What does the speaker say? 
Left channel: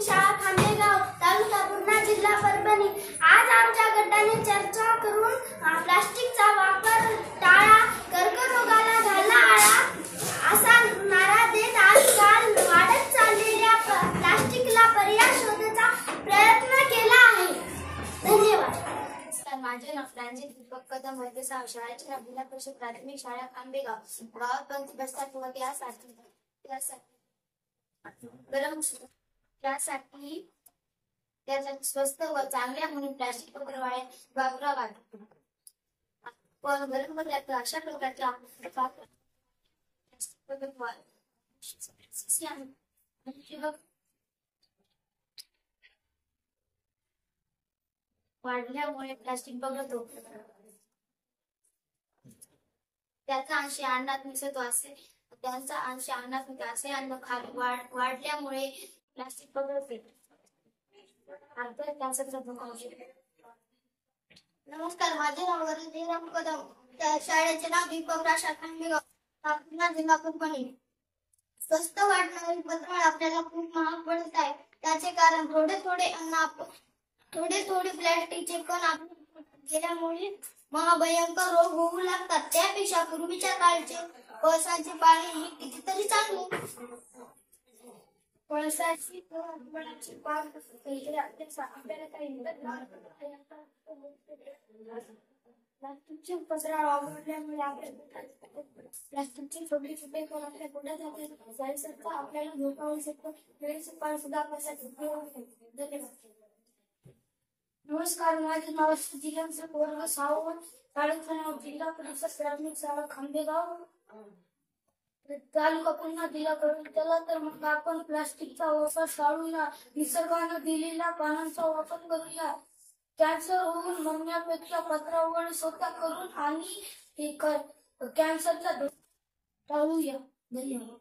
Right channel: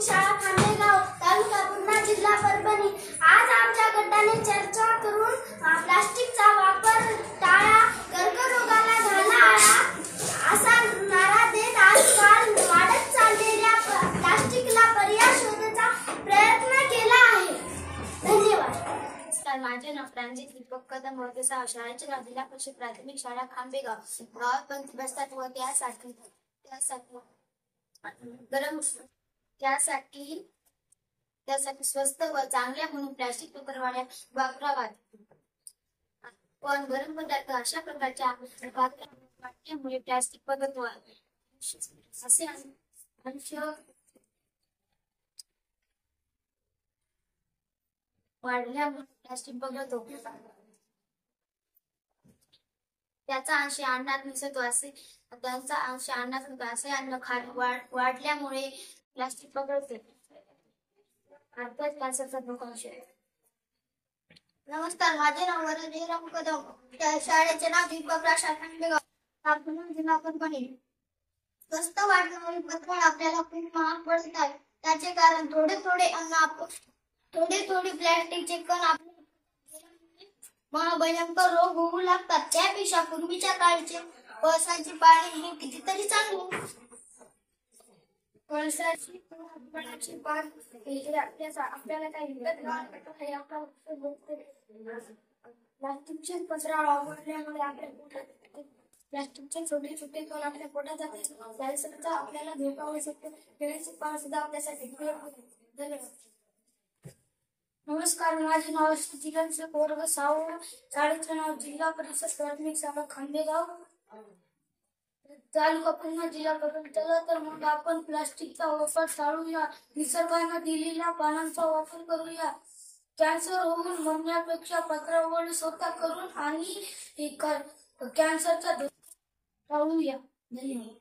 प्राथमिक शाळा खांडेगाव, तालुका पूर्णा, जिल्हा परभणी। आज आमच्या गटाने चर्चा करून प्लास्टिकचा वापर टाळा, कर्करोगाला घाला आळा असा नारा देत आजकाल वाढत चाललेल्या प्लास्टिकला पर्याय शोधण्याचा प्रयत्न केला आहे। धन्यवाद। माझे नाव प्रांजित दीपक कदम व शाळेचे नाव जिल्हा परिषद प्राथमिक शाळा खांबेगाव। गावात पंथी बसतात व त्यासाठी स्वस्त व चांगल्या म्हणून प्लास्टिक पत्रवाळ्या वापराव्यात। पण गरम पदार्थ अशा प्रकारच्या वापरल्यामुळे प्लास्टिक पदार्थ असे अंश वाढल्यामुळे प्लास्टिक बघतो त्याचा अंश अन्नात मिसळतो त्यांचा अंश अन्नात मिसळतो असे अन्न खाली वाढल्यामुळे प्लास्टिक पकडते कॅन्सरचा धोका होऊ शकतो। नमस्कार, माझे नाव वरदराम कदम, शाळेचे नाव दीपक राशा खांडेगाव, पुन्हा जिल्हा परभणी। स्वस्त वाटणारी पत्रवाळ आपल्याला खूप महाग पडत आहे। त्याचे कारण थोडे प्लास्टिकचे कण आपल्या गेल्यामुळे महाभयंकर रोग होऊ लागतात। त्यापेक्षा पूर्वीच्या काळचे पळसाचे पाणी हे कितीतरी चांगले। पळसाची पान आपल्याला काही प्लास्टिकचे पत्रा वापरल्यामुळे आपल्या पोटात प्लास्टिकचे छोटे छोटे कण आपल्या पोटात जातात, कॅन्सरचा आपल्याला धोका होऊ शकतो। केळीचे पान सुद्धा आपल्यासाठी धन्यवाद। नमस्कार, माझे नाव जिल्ह्याचे वर्ग 6 शाळेचे नाव जिल्हा परिषद प्राथमिक शाळा खांडेगाव, तालुका पूर्णा, जिल्हा परभणी। चला तर मग आपण प्लास्टिकचा वापर टाळूया, निसर्गाने दिलेल्या पानांचा वापर करूया। कॅन्सर होऊन मरण्यापेक्षा पत्रावळी स्वतः करून आणि कॅन्सरचा धोका टाळूया। धन्यवाद।